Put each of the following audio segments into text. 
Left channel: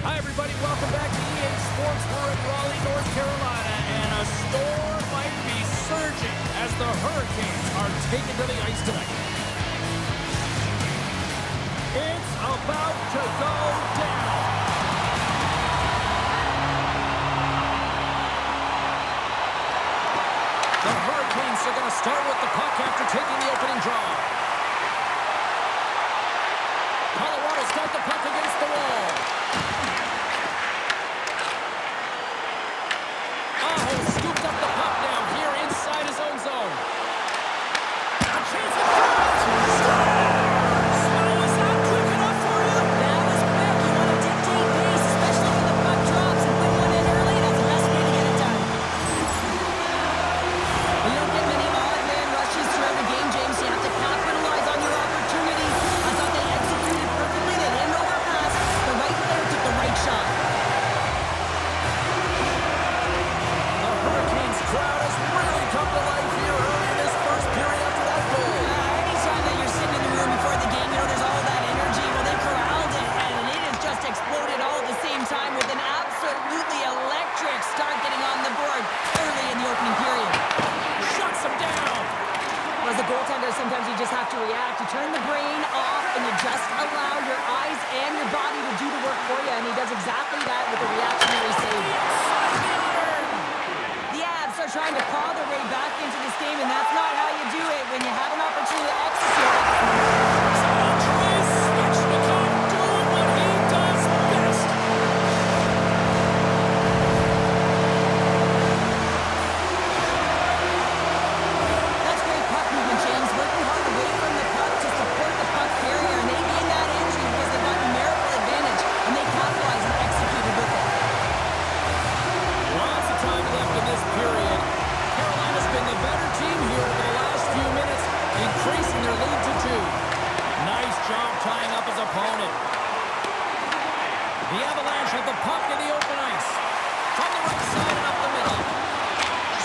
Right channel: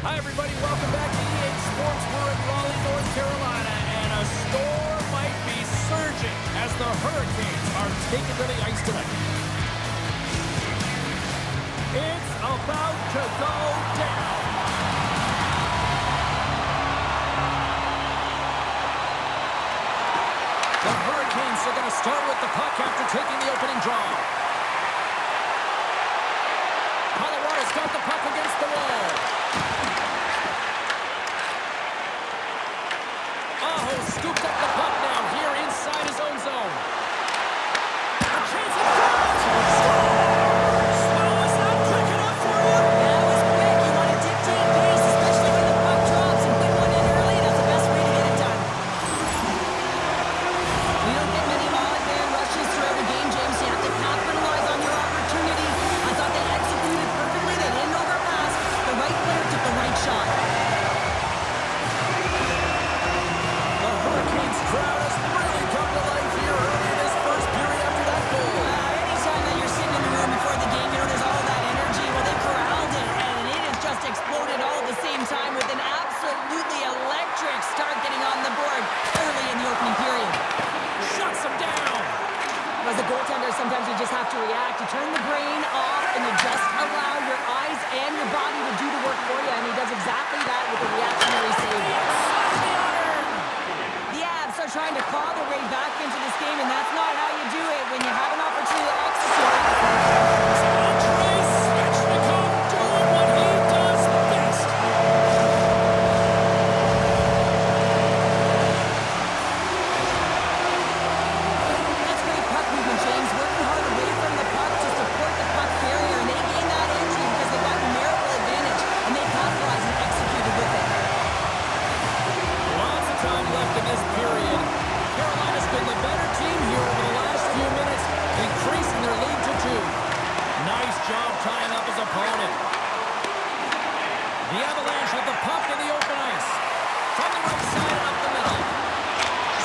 Hi, everybody. Welcome back to EA Sports. We're in Raleigh, North Carolina, and a storm might be surging as the Hurricanes are taken to the ice tonight. It's about to go down. The Hurricanes are going to start with the puck after taking the opening draw. Colorado's got the puck against the wall. Aho scooped up the puck now here inside his own zone. A chance in front! Scores! Oh, was that quick enough for you? That was quick. You want to dictate pace, especially when the puck drops, and put one in early. That's the best way to get it done. We don't get many odd man rushes throughout a game, James. You have to capitalize on your opportunity. I thought they executed perfectly. They didn't overpass. The right player took the right shot. The Hurricanes crowd has really come to life here early in this first period after that goal. Anytime that you're sitting in the room before the game, you know there's all that energy. Well, they corralled it, and it has just exploded all at the same time with an absolutely electric start getting on the board early in the opening period. Shuts him down. As a goaltender, sometimes you just have to react. You turn the brain off, and you just allow your eyes and your body to do the work for you, and he does exactly that with a reactionary save. The Avs are trying to claw their way back into this game, and that's not how you do it when you have an opportunity to execute it. Doing what he does best. That's great puck movement, James. Working hard away from the puck to support the puck carrier, and they gain that entry because they've got numerical advantage, and they capitalize and executed with it. Lots of time left in this period. Carolina's been the better team here over the last few minutes, increasing their lead to 2. Nice job tying up his opponent. The Avalanche have the puck in the open ice. From the right side and up the middle.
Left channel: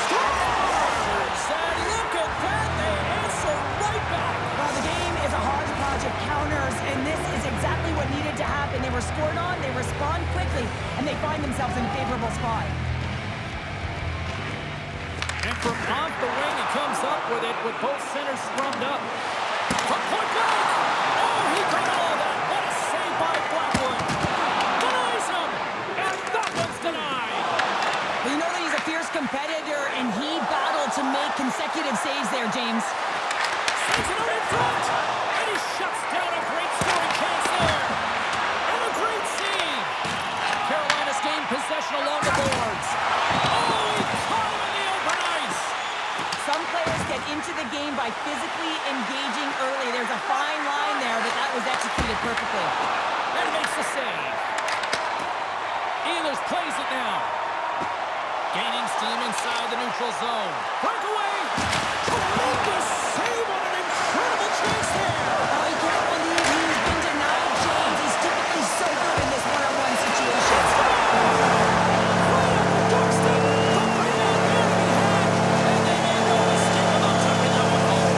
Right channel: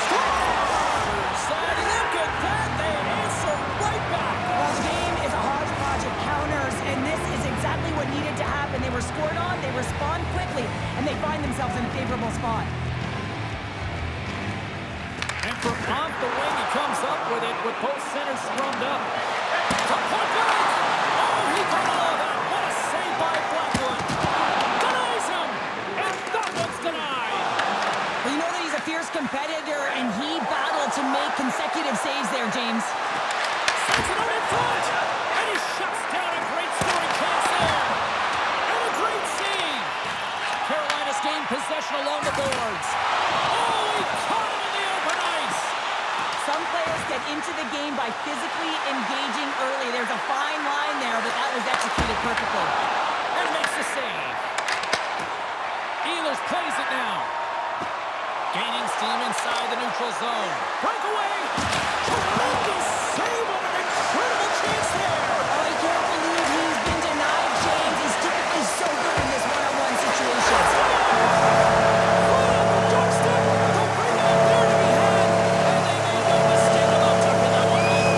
Scores! And look at that, they answer right back. Well, the game is a hodgepodge of counters, and this is exactly what needed to happen. They were scored on, they respond quickly, and they find themselves in a favorable spot. And from off the wing, he comes up with it with both centers scrummed up. From point blank! Oh, he got all of that. What a save by Blackwood. Denies him, and that one's denied. Well, you know that he's a fierce competitor, and he battled to make consecutive saves there, James. Sends it out in front, and he shuts down a great scoring chance there. And a great save. Carolina's gained possession along the boards. Oh, he caught him in the open ice. Some players get into the game by physically engaging early. There's a fine line there, but that was executed perfectly. And makes the save. Ehlers plays it now. Gaining steam inside the neutral zone. Breakaway. Tremendous save on an incredible chance there. Oh, you can't believe he's been denied, James. He's typically so good in this one-on-one situation. Right on the doorstep. They'll bring that there to be had. And they made no mistake about tucking that one home.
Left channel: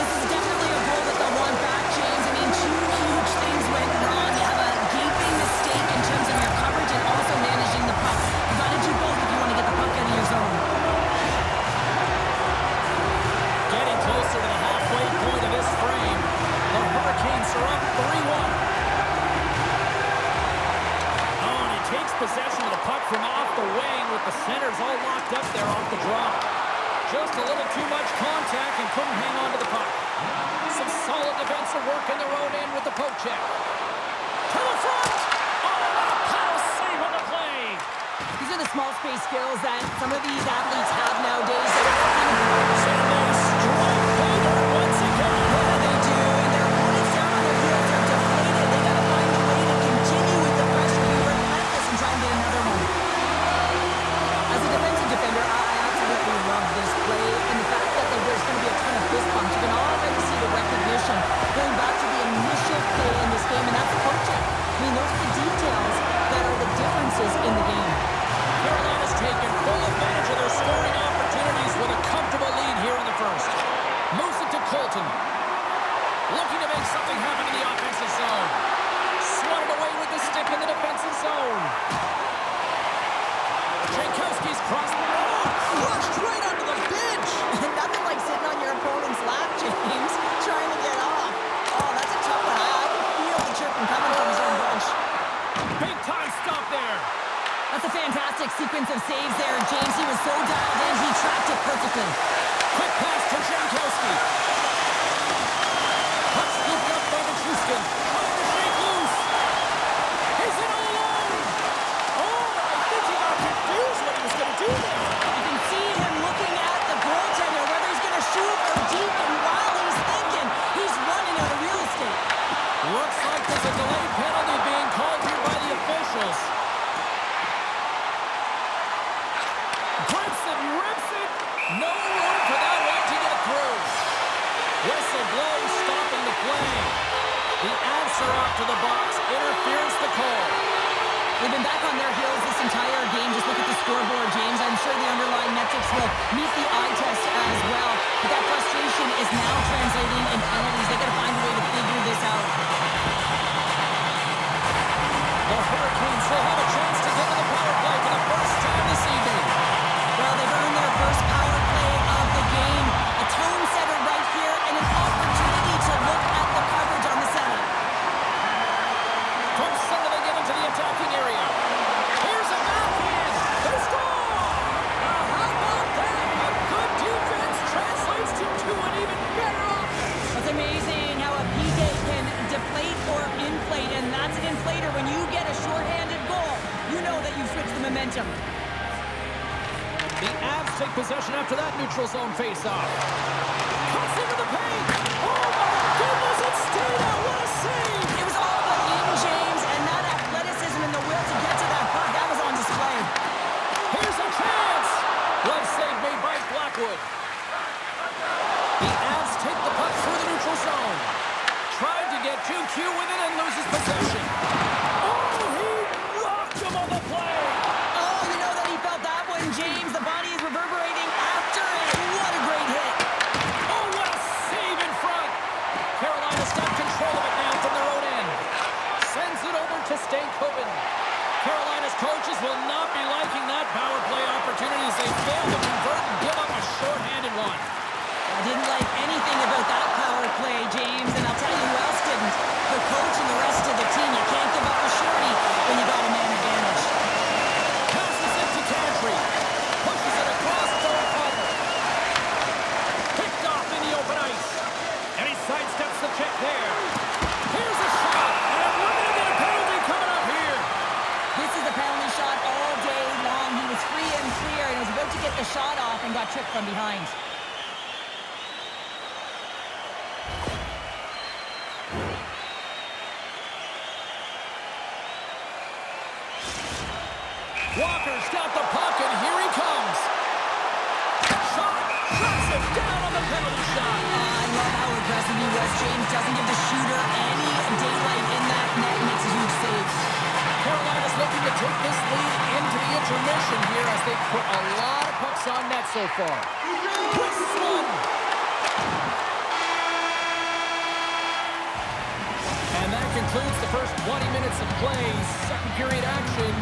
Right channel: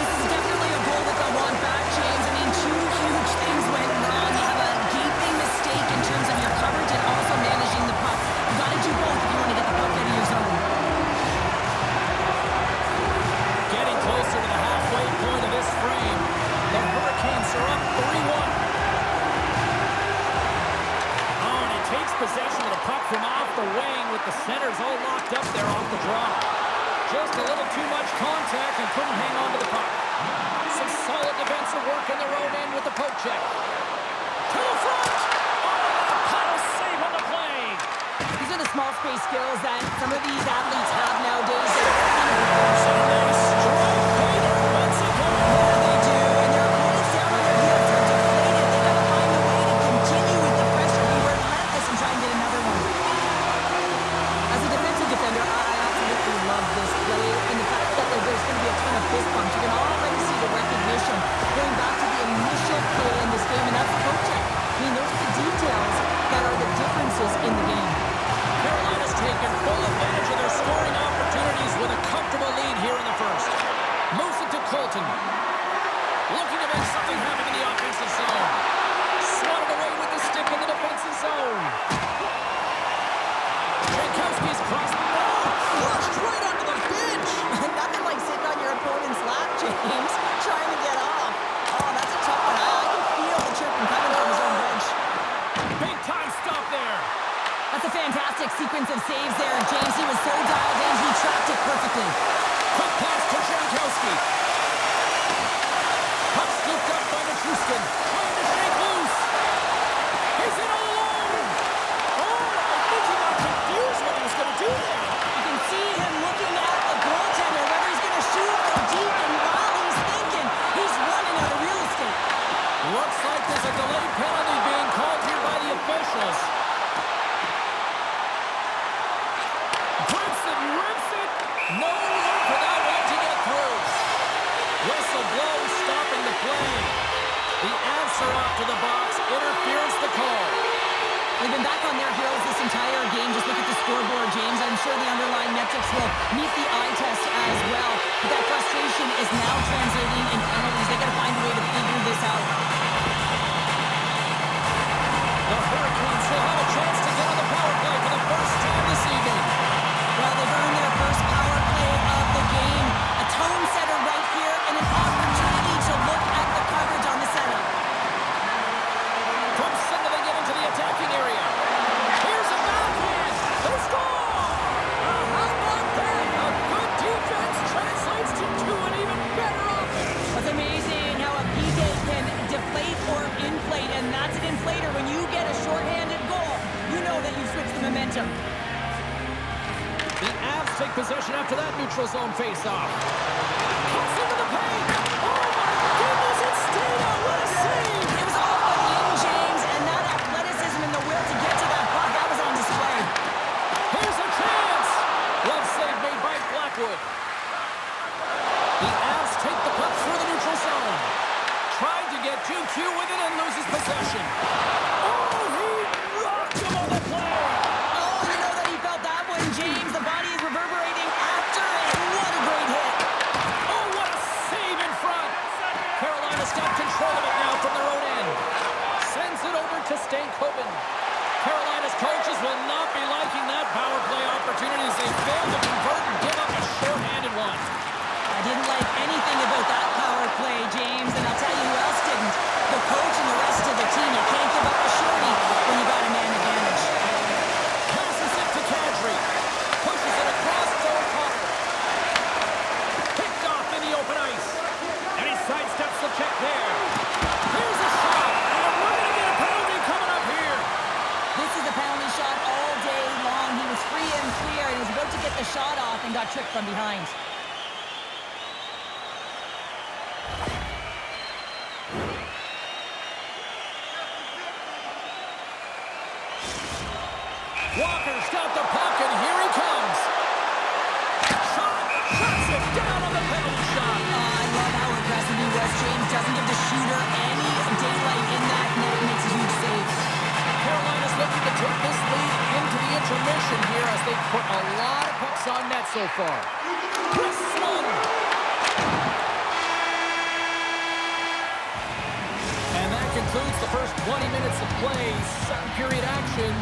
This is definitely a goal that they'll want back, James. I mean, 2 huge things went wrong. You have a gaping mistake in terms of your coverage and also managing the puck. You got to do both if you want to get the puck out of your zone. Getting closer to the halfway point of this frame. The Hurricanes are up 3-1. Oh, and he takes possession of the puck from off the wing with the centers all locked up there off the draw. Just a little too much contact and couldn't hang on to the puck. Some solid defensive work in their own end with the poke check. To the front! Oh, what a paddle save on the play! These are the small space skills that some of these athletes have nowadays. And they strike pay dirt once again. Yeah, they do. And their opponents down on their heels are deflated. They got to find a way to continue with the pressure, be relentless, and try and get another one. As a defensive defender, I absolutely love this play. And the fact that there's going to be a ton of fist bumps. You can already see the recognition going back to the initial play in this game, and that's the poke check. I mean, those are the details that are the differences in the game. Carolina's taken full advantage of their scoring opportunities with a comfortable lead here in the first. Moves it to Colton. He's crossed. Oh, crushed right onto the bench. Nothing like sitting on your opponent's lap, James, trying to get off. Oh, that's a tough one. I can feel the chirping coming from his own bench. Big time stop there. That's a fantastic sequence of saves there. James, he was so dialed in, he tracked it perfectly. Quick pass to Jankowski. Puck scooped up by Nichushkin. Trying to shake loose. He's in all alone. Oh, I think he got confused what he was going to do there. You can see him looking at the goaltender, whether he's going to shoot or deep, and while he's thinking, he's running out of real estate. Looks like there's a delayed penalty being called here by the officials. Grips it, rips it. No room for that one to get through. Whistle blows, stopping the play. The Avs are off to the box. Interference the call. They've been back on their heels this entire game. Just look at the scoreboard, James. I'm sure the underlying metrics will meet the eye test as well. But that frustration is now translating in penalties. They got to find a way to figure this out. The Hurricanes will have a chance to get on the power play for the first time this evening. Well, they've earned their first power play of the game. A tone setter right here and an opportunity to look at the coverage on the setup. From center they get into the attacking area. Here's a backhand. They score! How about that? A good defense translates to an even better offense. It's amazing how a PK can deflate or inflate, and that's an inflator. When you get a shorthanded goal, you know that you've switched the momentum. The Avs take possession after that neutral zone face-off. Cuts into the paint. Oh, my goodness, it stayed out. What a save. It was all but in, James, and that athleticism and the will to get to that puck, that was on display. Here's a chance. Glove save made by Blackwood. The Avs take the puck through the neutral zone. Tried to get 2Q with it and loses possession. Oh, he rocked him on the play. Oh, you know that he felt that one, James. The body is reverberating after it. What a great hit. Oh, what a save in front. Carolina's got control of it now from their own end. Sends it over to Stankoven. Carolina's coaches will not be liking that power play opportunity as they fail to convert and give up a short-handed one. I didn't like anything about that power play, James, and I'll tell you who else didn't. The coach and the rest of the team. You can't give up a shorty when you got a man advantage. Passes it to Kadri. Pushes it across to O'Connor. Picked off in the open ice. And he sidesteps the check there. Here's a shot, and we're going to get a penalty coming up here. This is a penalty shot all day long. He was free and clear, and was about to get the shot off and got tripped from behind. Walker's got the puck, and here he comes. Shot, shuts it down on the penalty shot. I love how aggressive he was. James doesn't give the shooter any daylight in that net. Makes a huge save. Carolina's looking to take this lead into the intermission here as they put a lot of pucks on net so far. Twists one. And that concludes the first 20 minutes of play. Second period action.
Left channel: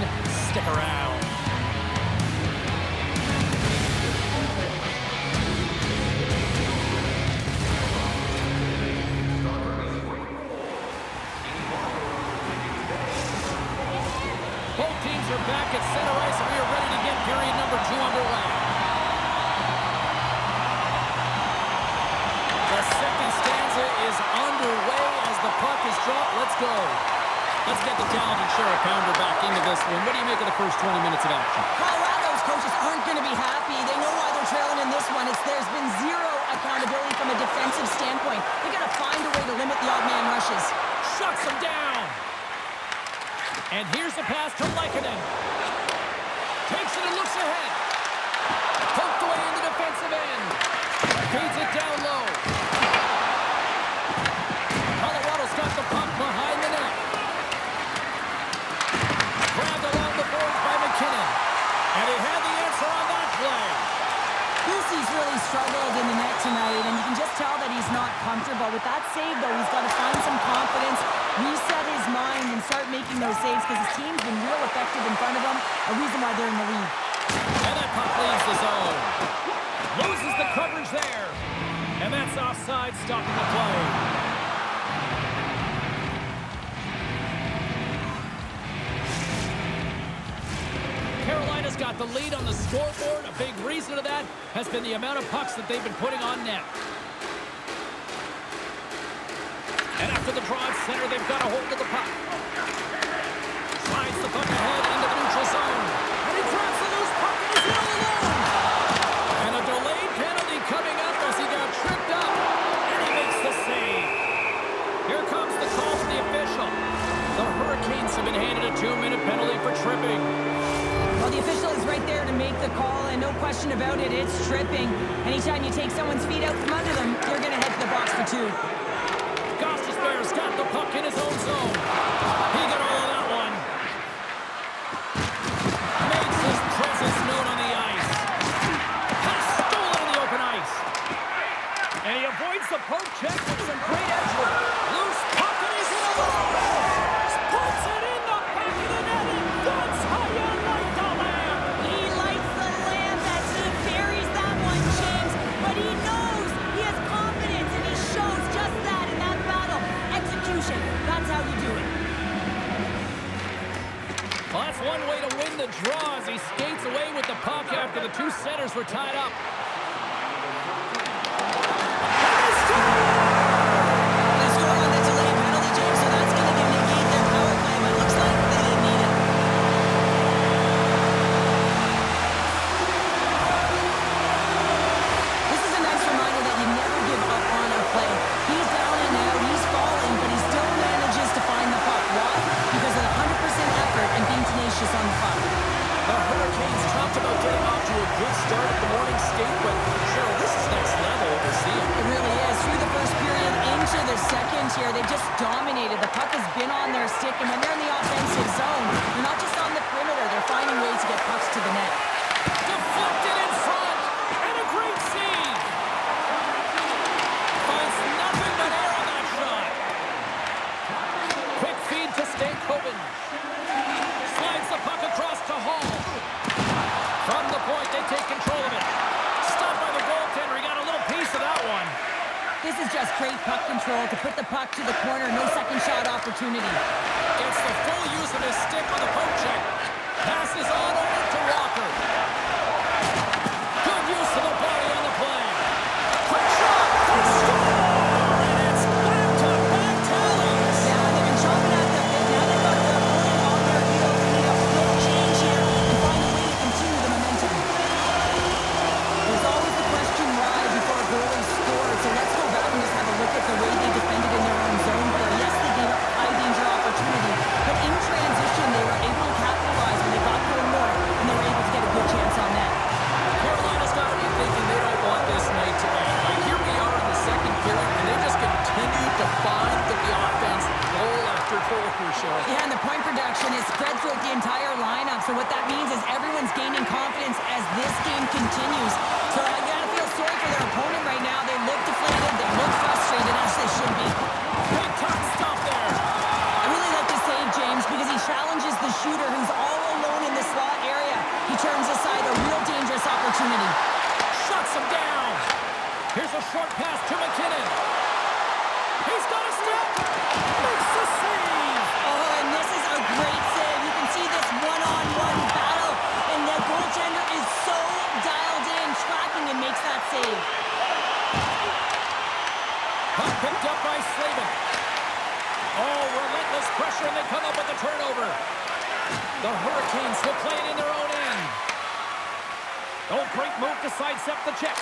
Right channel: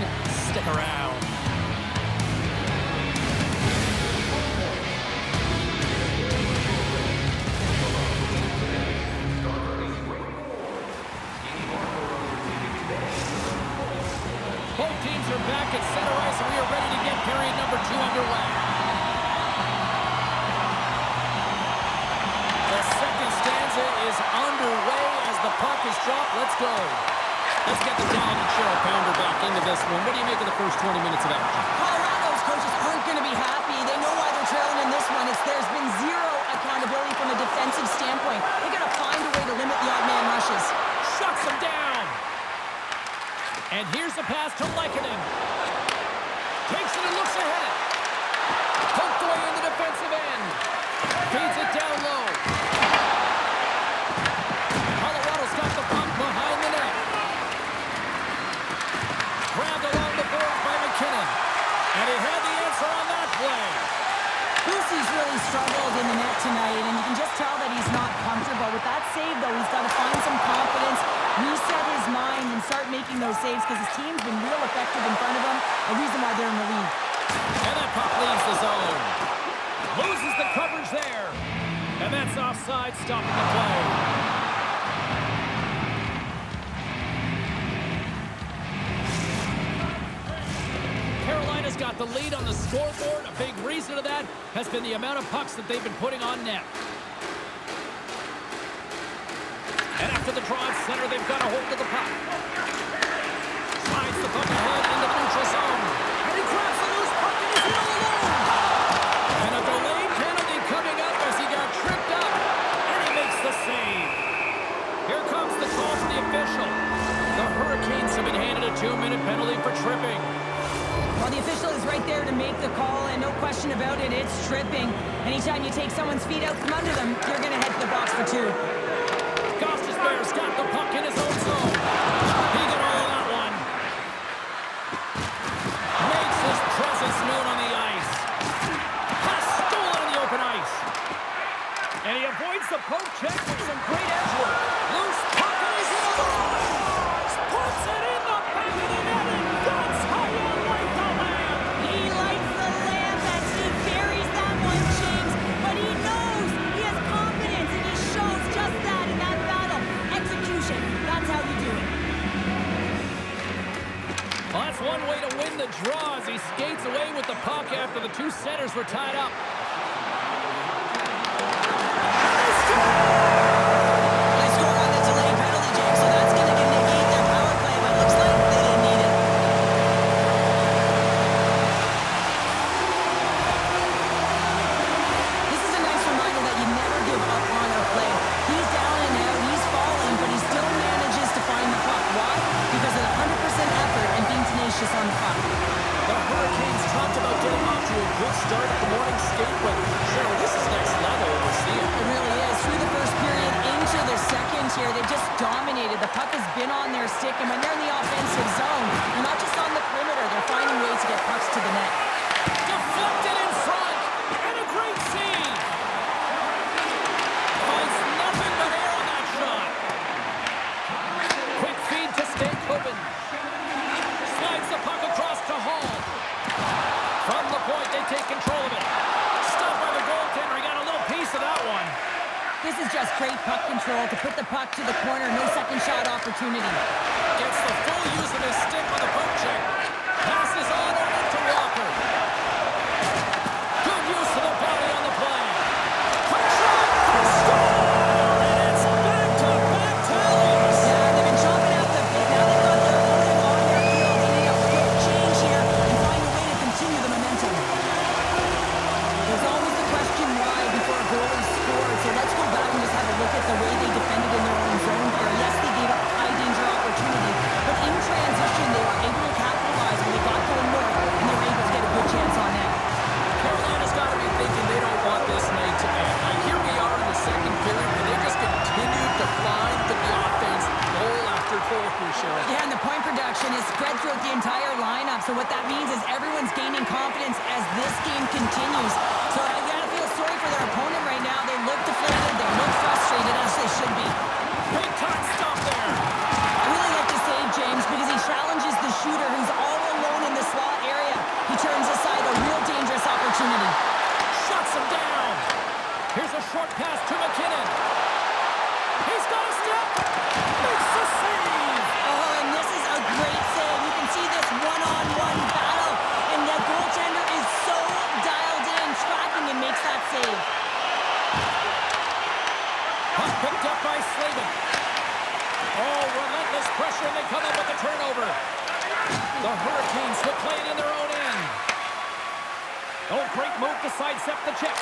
Stick around. Both teams are back at center ice, and we are ready to get period number 2 underway. The second stanza is underway as the puck is dropped. Let's go. Let's get the talented Cheryl Pounder back into this one. What do you make of the first 20 minutes of action? Colorado's coaches aren't going to be happy. They know why they're trailing in this one. There's been zero accountability from a defensive standpoint. They got to find a way to limit the odd man rushes. Shuts them down. And here's the pass to Lehkonen. Takes it and looks ahead. Poked away in the defensive end. Feeds it down low. Colorado's got the puck behind the net. Grabbed along the boards by McKinnon. And he had the answer on that play. Boosie's really struggled in the net tonight, and you can just tell that he's not comfortable. With that save, though, he's got to find some confidence, reset his mind, and start making those saves because his team's been real effective in front of him, a reason why they're in the lead. And that puck leaves the zone. Loses the coverage there. And that's offside, stopping the play. Carolina's got the lead on the scoreboard. A big reason to that has been the amount of pucks that they've been putting on net. And after the draw at center, they've got a hold of the puck. Slides the puck ahead into the neutral zone. And he grabs the loose puck and he's in all alone. And a delayed penalty coming up as he got tripped up. And he makes the save. Here comes the call from the official. The Hurricanes have been handed a 2-minute penalty for tripping. Well, the official is right there to make the call, and no question about it, it's tripping. Anytime you take someone's feet out from under them, you're going to head to the box for 2. Bears got the puck in his own zone. He got all of that one. Makes his presence known on the ice. Has stolen in the open ice. And he avoids the poke check with some great edge work. Loose puck and he's in alone. Puts it in the back of the net, and that's how you light the lamp. He lights the lamp as he buries that one, James. But he knows he has confidence, and he shows just that in that battle. Execution. That's how you do it. Well, that's one way to win the draw as he skates away with the puck after the 2 centers were tied up. And they score! They scored on the delayed penalty, James, so that's going to negate their power play, but looks like they didn't need it. This is a nice reminder that you never give up on a play. He's down and out, he's falling, but he still manages to find the puck. Why? Because of the 100% effort and being tenacious on the puck. The Hurricanes talked about getting off to a good start at the morning skate, but Cheryl, this is next level what we're seeing. It really is. Through the first period into the second here, they just dominated. The puck has been on their stick, and when they're in the offensive zone, they're not just on the perimeter, they're finding ways to get pucks to the net. Deflected in front, and a great save. Finds nothing but air on that shot. Quick feed to Stankoven. Slides the puck across to Hall. From the point, they take control of it. Stopped by the goaltender. He got a little piece of that one. This is just great puck control to put the puck to the corner. No second shot opportunity. Gets the full use of his stick on the poke check. Passes on over to Walker. Good use of the body on the play. Quick shot. They score! And it's back-to-back tallies. Yeah, they've been chomping at the bit. Now they've got their opponent on their heels. They need a quick change here and find a way to continue the momentum. There's always the question why before a goal is scored. So let's go back and just have a look at the way they defended in their own zone here. Yes, they gave up a high-danger opportunity, but in transition, they were able to capitalize when they got going north, and they were able to get a good chance on net. Carolina's got to be thinking they don't want this night to end. Like, here we are in the second period, and they just continue to find the offense goal after goal here, Cheryl. Yeah, and the point production is spread throughout the entire lineup. So what that means is everyone's gaining confidence as this game continues. So I gotta feel sorry for their opponent right now. They look deflated, they look frustrated, as they should be. Big time stop there. I really like the save, James, because he challenges the shooter who's all alone in the slot area. He turns aside a real dangerous opportunity. Shuts him down. Here's a short pass to McKinnon. He's got a step. Makes the save. Oh, and this is a great save. You can see this one-on-one battle, and the goaltender is so dialed in, tracking, and makes that save. Puck picked up by Slavin. Oh, relentless pressure, and they come up with the turnover. The Hurricanes will play it in their own end. Oh, great move to sidestep the check.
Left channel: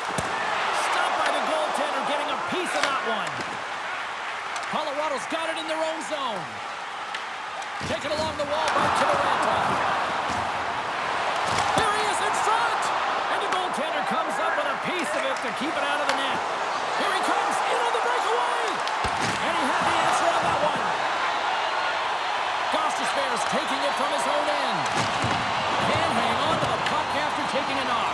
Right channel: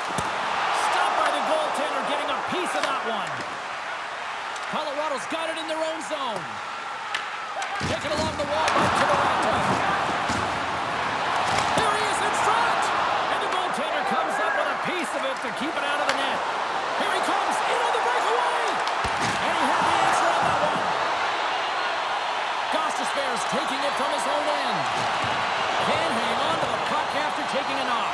Stopped by the goaltender, getting a piece of that one. Colorado's got it in their own zone. Take it along the wall, right to the Ranta. Here he is in front! And the goaltender comes up with a piece of it to keep it out of the net. Here he comes, in on the breakaway! And he had the answer on that one. Bears taking it from his own end. Can hang on to the puck after taking a knock.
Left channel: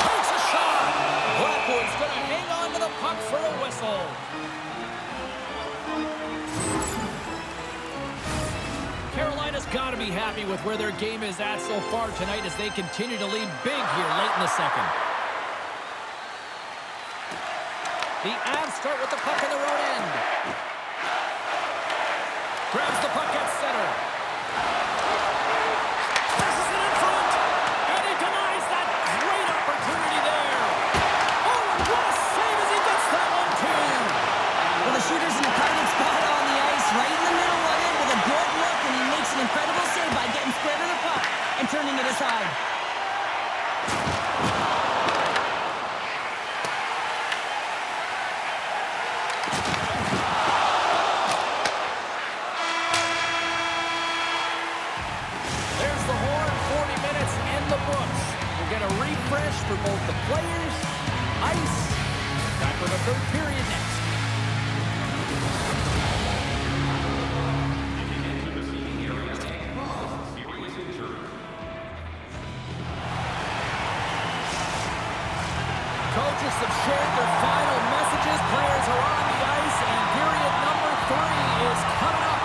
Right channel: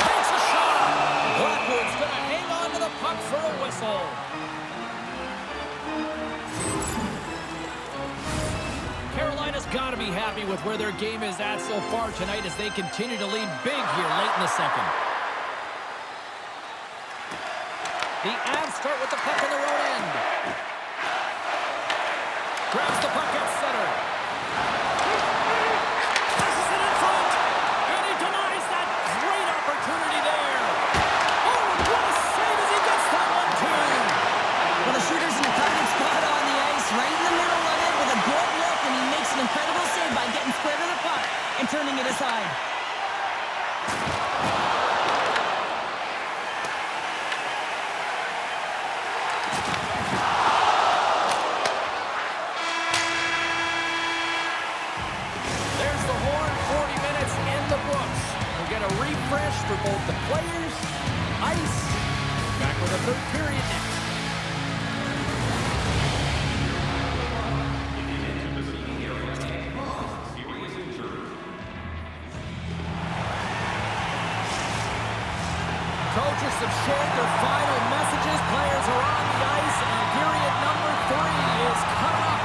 Takes a shot. Blackwood's going to hang on to the puck for a whistle. Carolina's got to be happy with where their game is at so far tonight as they continue to lead big here late in the second. The Avs start with the puck in their own end. Grabs the puck at center. Passes it in front. And he denies that great opportunity there. Oh, and what a save as he gets that one, too. Well, the shooter's in a target spot on the ice, right in the middle of it with a good look, and he makes an incredible save by getting square to the puck and turning it aside. There's the horn, 40 minutes in the books. We'll get a refresh for both the players, ice. Back with a third period next. Coaches have shared their final messages. Players are on the ice, and period number 3 is coming up.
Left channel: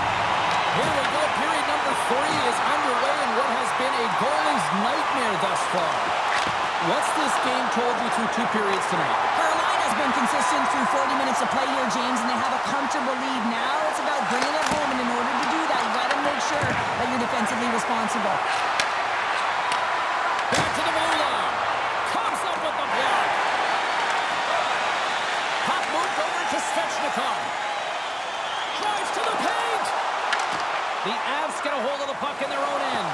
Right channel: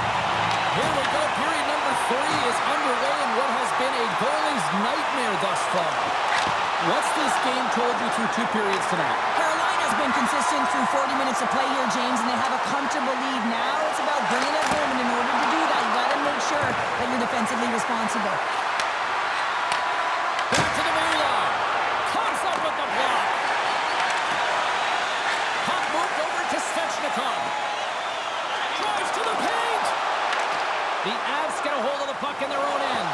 Here we go. Period number 3 is underway in what has been a goalie's nightmare thus far. What's this game told you through 2 periods tonight? Carolina's been consistent through 40 minutes of play here, James, and they have a comfortable lead. Now it's about bringing it home, and in order to do that, you got to make sure that you're defensively responsible. Back to the blue line. Comes up with the block. Puck moved over to Svechnikov. Drives to the paint. The Avs get a hold of the puck in their own end.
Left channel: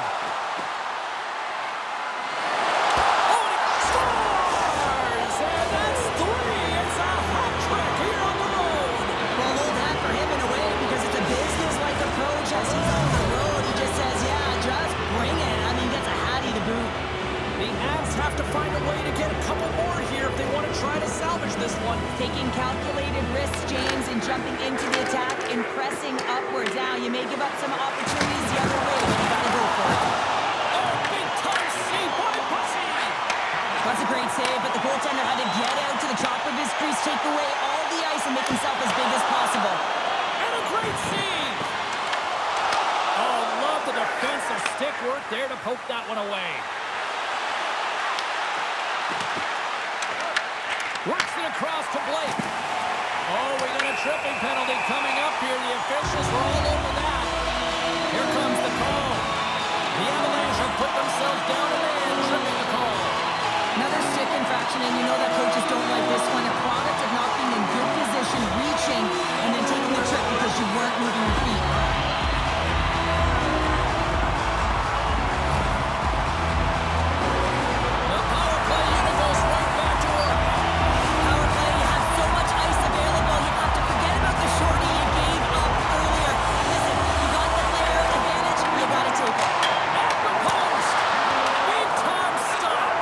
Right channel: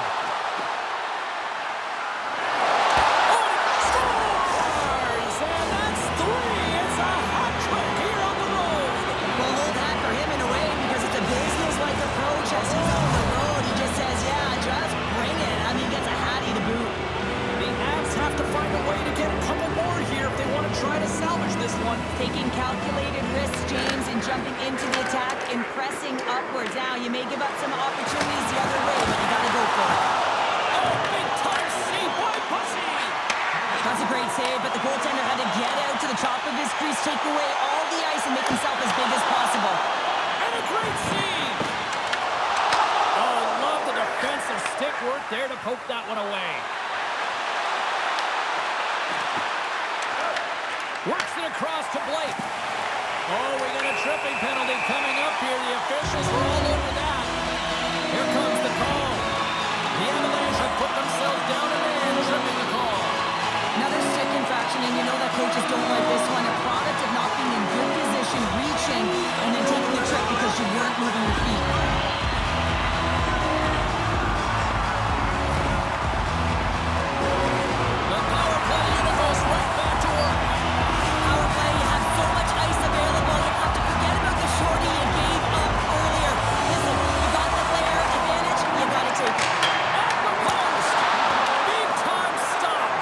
Oh, and he scores! And that's 3. It's a hat trick here on the road. Well, hold that for him in a way because it's a business-like approach as he's on the road. He just says, yeah, just bring it. I mean, gets a hattie to boot. The Avs have to find a way to get a couple more here if they want to try to salvage this one. Taking calculated risks, James, and jumping into the attack and pressing upwards. Now, you may give up some opportunities the other way, but you got to go for it. Oh, big-time save by Bussy! That's a great save, but the goaltender had to get out to the top of his crease, take away all the ice, and make himself as big as possible. And a great save! Oh, love the defensive stick work there to poke that one away. Works it across to Blake. Oh, we got a tripping penalty coming up here. The officials were all over that. Here comes the call. The Avalanche have put themselves down a man, tripping the call. Another stick infraction, and you know that coaches don't like this one. A product of not being in good position, reaching, and then taking the trip because you weren't moving your feet. The power play unit goes right back to work. Power play, you have so much ice available, you have to forget about the shorty you gave up earlier. Listen, you got the player advantage, you got to take it. Off the post. Big time stop.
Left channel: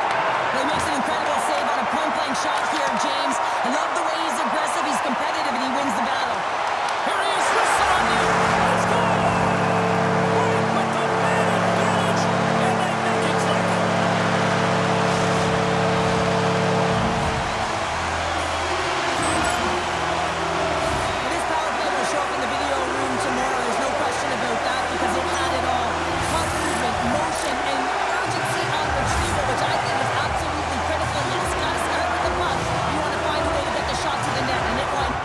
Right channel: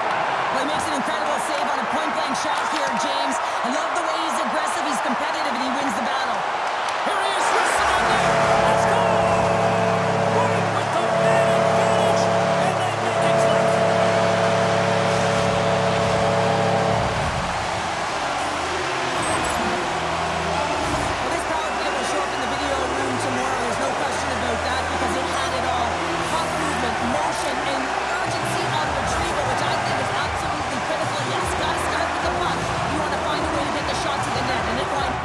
Well, he makes an incredible save on a point-blank shot here, James. I love the way he's aggressive, he's competitive, and he wins the battle. Here he is, wristed on net. Let's go! Right with the man advantage, and they make it click. Well, this power play will show up in the video room tomorrow. There's no question about that because it had it all. Puck movement, motion, and urgency on retrieval, which I think is absolutely critical. Yes, got to start with the puck. You want to find a way to get the shot to the net, and it went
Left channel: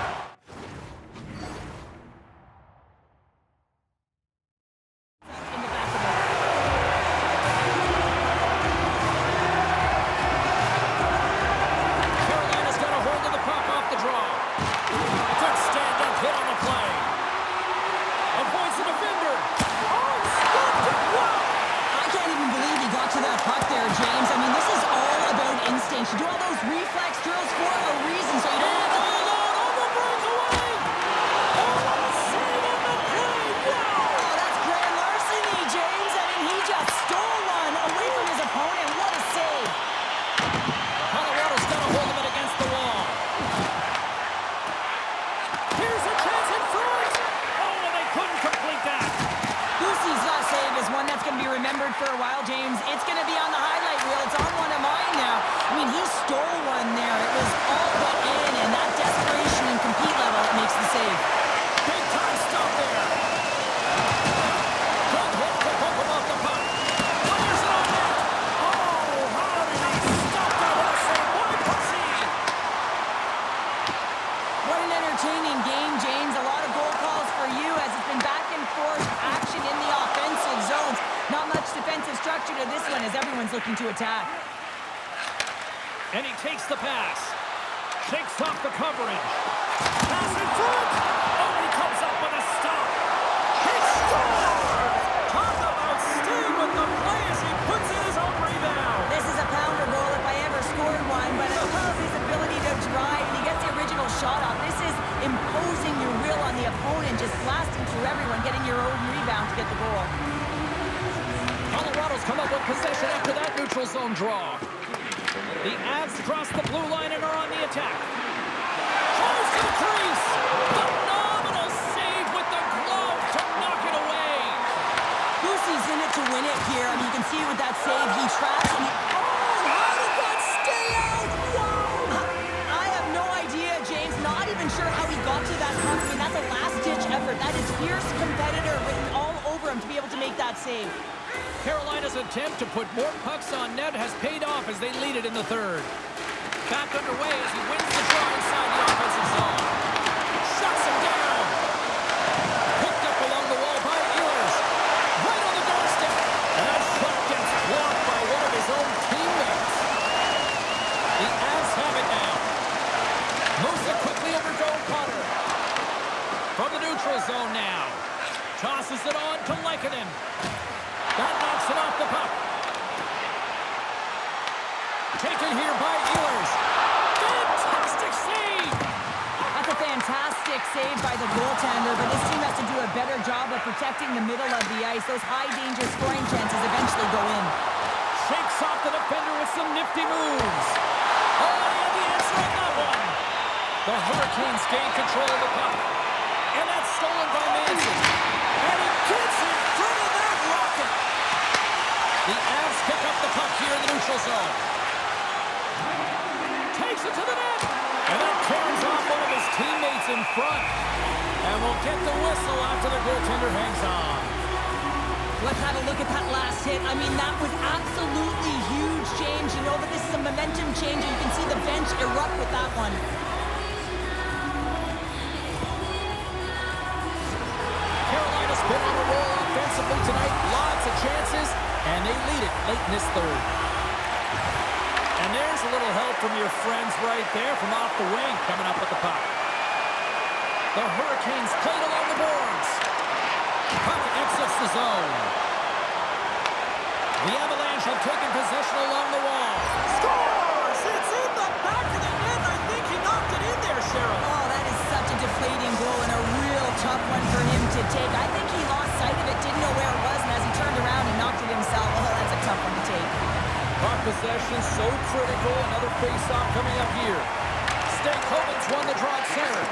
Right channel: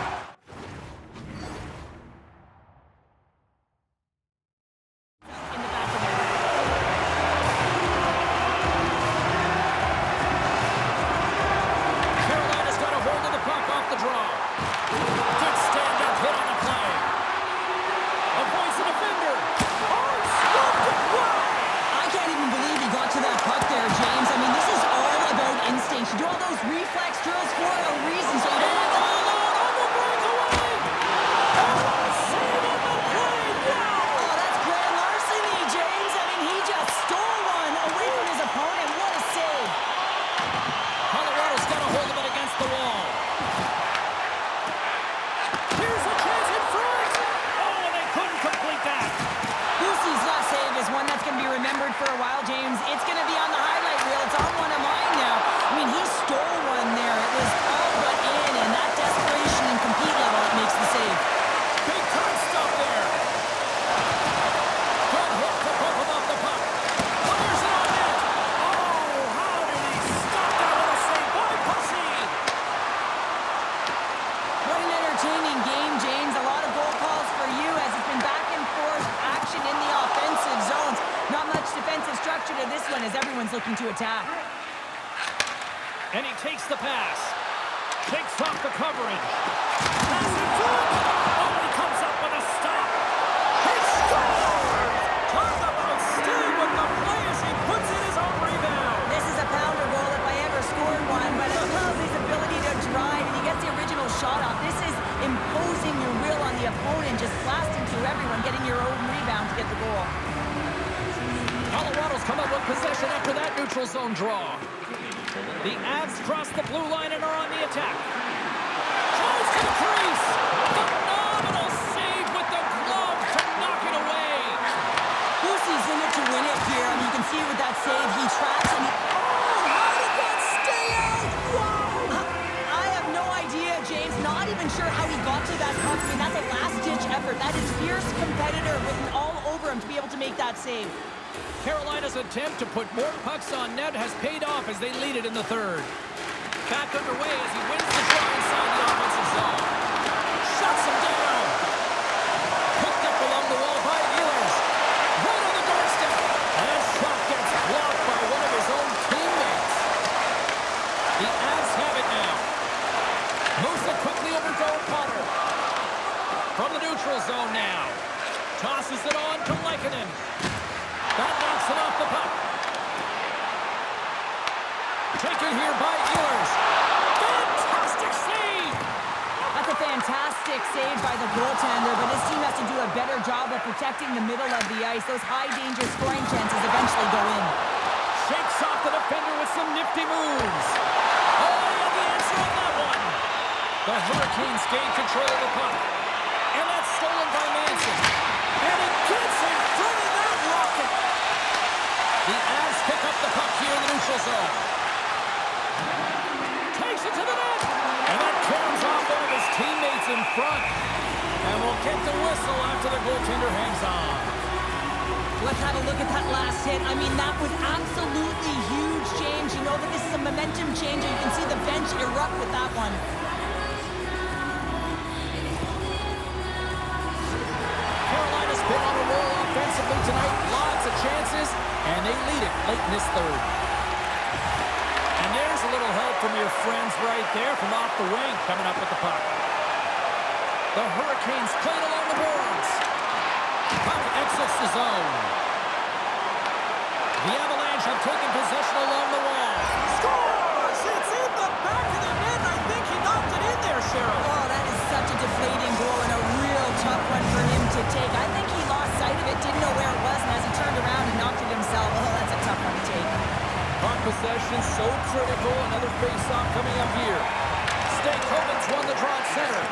as everyone's looking to attack. And he takes the pass. Shakes off the coverage. Pass in front. Oh, and he comes up with a stop. He scores! Talk about staying with the play as he puts in his own rebound. This is a pounder goal if I ever scored one, but I love his ability to drive, and he gets the original shot off. This is imposing your will on the opponent, just blasting through everyone, getting your own rebound to get the goal. Colorado's come up with possession after that neutral zone draw. The Avs cross the blue line and are on the attack. Close to the crease. Phenomenal save with the glove to knock it away. Boosie's in it to win it here. I mean, you can see it with that save. He traps and he... Oh, how did that stay out? Wow! I have no idea, James. Not even sure how he got to that puck. I mean, that's a last-ditch effort. That is fierce competitor written all over him to be able to make that save. Carolina's attempt to put more pucks on net has paid off as they lead it in the third. Back underway as he wins the draw inside the offensive zone. Shuts him down. Picked up along the wall by Ehlers. Right on the doorstep. And that shot gets blocked by one of his own teammates. The Avs have it now. Moves it quickly over to O'Connor. From the neutral zone now. Tosses it on to Lehkonen. That knocks it off the puck. Taken here by Ehlers. Fantastic save! That's a fantastic save by the goaltender, but his team has to do a better job of protecting the middle of the ice. Those high-danger scoring chances eventually go in. Shakes off the defender with some nifty moves. Oh, he had the answer on that one. The Hurricanes gain control of the puck. And that's stolen by Manson. And he gets in front of that rocket. The Avs pick up the puck here in the neutral zone. Takes it to the net. And that carries off one of his teammates in front. And we'll get the whistle after the goaltender hangs on. Let's have a look at that last hit. I mean, that was absolutely huge, James. You know that this is a momentum changer. You can see the bench erupt with that one. Carolina's been on a roll offensively tonight. Lots of chances, and they lead it late in this third. And there's a little help from your friends right there from off the wing coming up with the puck. The Hurricanes played along the boards. Puck exits the zone. The Avalanche have taken possession along the wall. Scores! It's in the back of the net. I think he knocked it in there, Cheryl. Oh, that is such a deflating goal and a real tough one for him to take. I think he lost sight of it, didn't know where it was, and as he turned around, he knocked it himself. Oh, that's a tough one to take. Puck possession so critical. Another face-off coming up here. Stankoven's won the draw at center.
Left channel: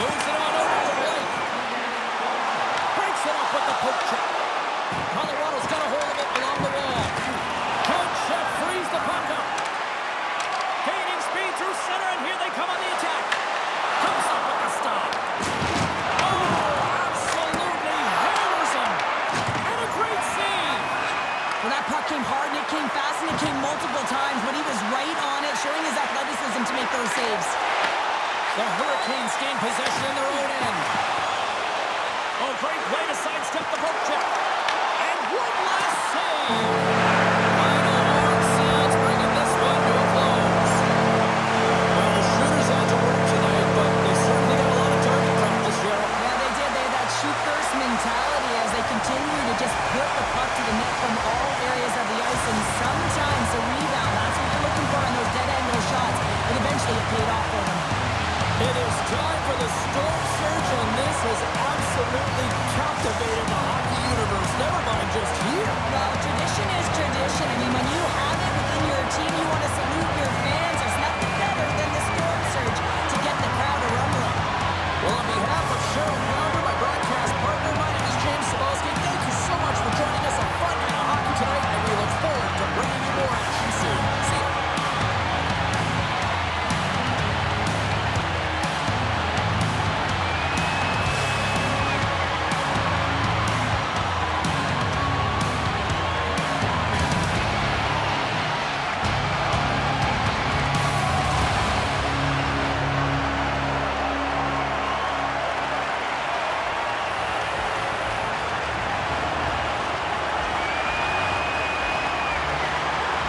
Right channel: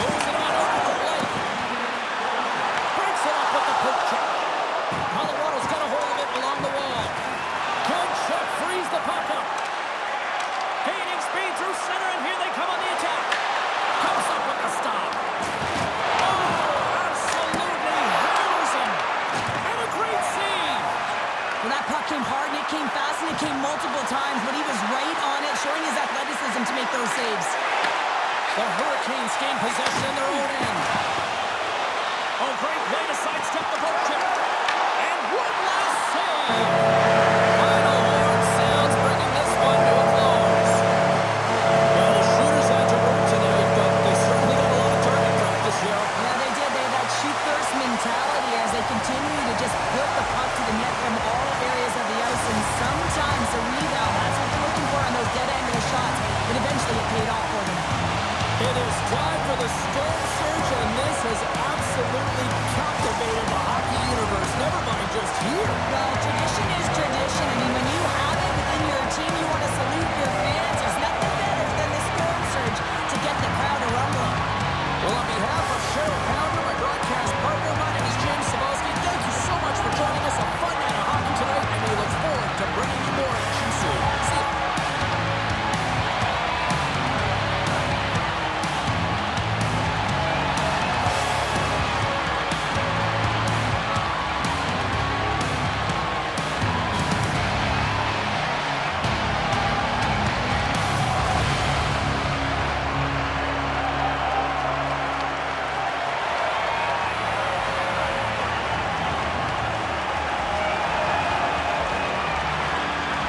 Moves it on over to Blake. Breaks it up with the poke check. Colorado's got a hold of it along the wall. Good check, frees the puck up. Gaining speed through center, and here they come on the attack. Comes up with the stop. Oh, absolutely hammers him. And a great save. Well, that puck came hard, and it came fast, and it came multiple times, but he was right on it, showing his athleticism to make those saves. The Hurricanes gain possession in their own end. Oh, great play to sidestep the poke check. And one last save. Final horn sounds, bringing this one to a close. Well, the shooters had to work tonight, but they certainly got a lot of target practice, Cheryl. Yeah, they did. They had that shoot-first mentality as they continue to just put the puck to the net from all areas of the ice, and sometimes the rebound, that's what they're looking for in those dead-angle shots, but eventually it paid off for them. It is time for the Storm Surge, and this has absolutely captivated the hockey universe, never mind just here. Well, tradition is tradition. I mean, when you have it,